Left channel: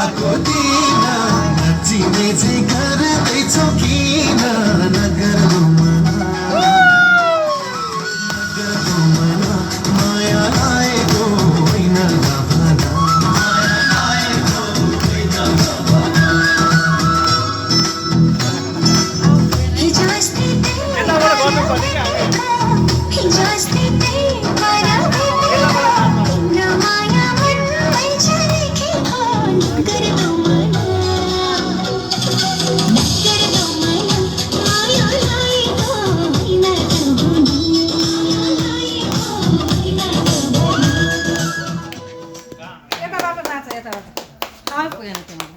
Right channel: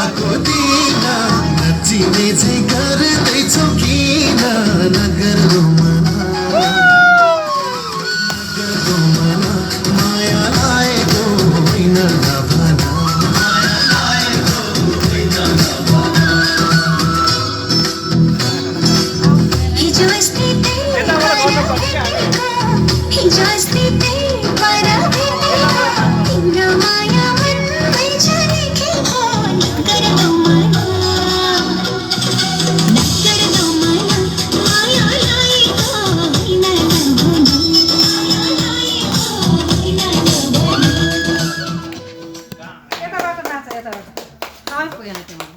भएको दिन नचिने चाहिँ गर्दैछौ किन नगर्नु मना नगर्नु मना माया लागेको होइन नभना माया लागेको होइन नभना हिजो अस्ति यताबाट गर्नु पर्छ क्या हामी हिजो अस्ति तिम्रो माया मनमै झरेको नगर्नु मना नगर्नु मना माया लागेको होइन यताबाट नाच यताबाट आइ पुगेन तिमीले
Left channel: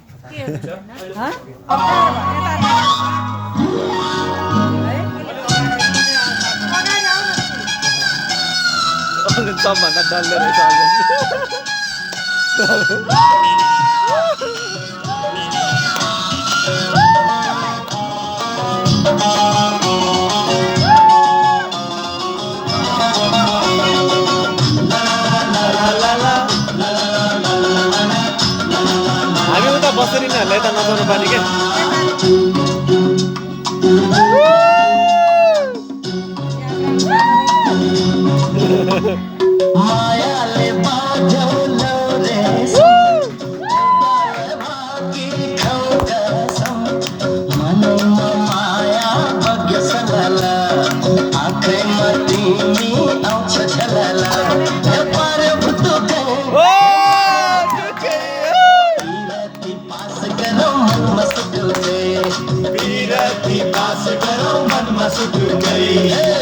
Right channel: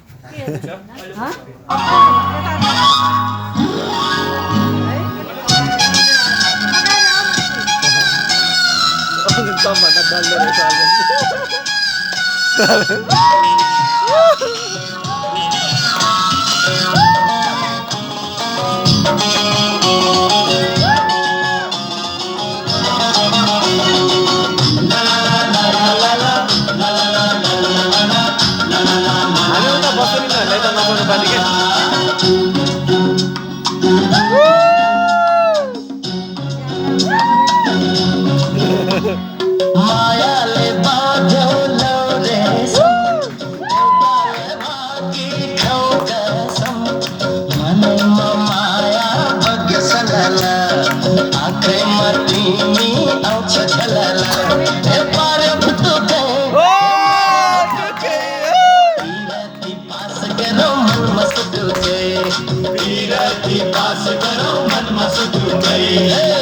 सबभन्दा डल्ले रहेछ हामी उता बस्दैन हामीलाई त नचाउनु पर्ने क्या मायाले बाँध्यो लौरेस एउटाले बाँकी ठाउँ कसम मनैमा माया बग्यो सलला आँखैमा तिमी आउँछ छलला ए पार्यो भुतुकै बिरती पास गरौँ मनमा सुटुकै बिरती पास गरौँ मनमा सुटुकै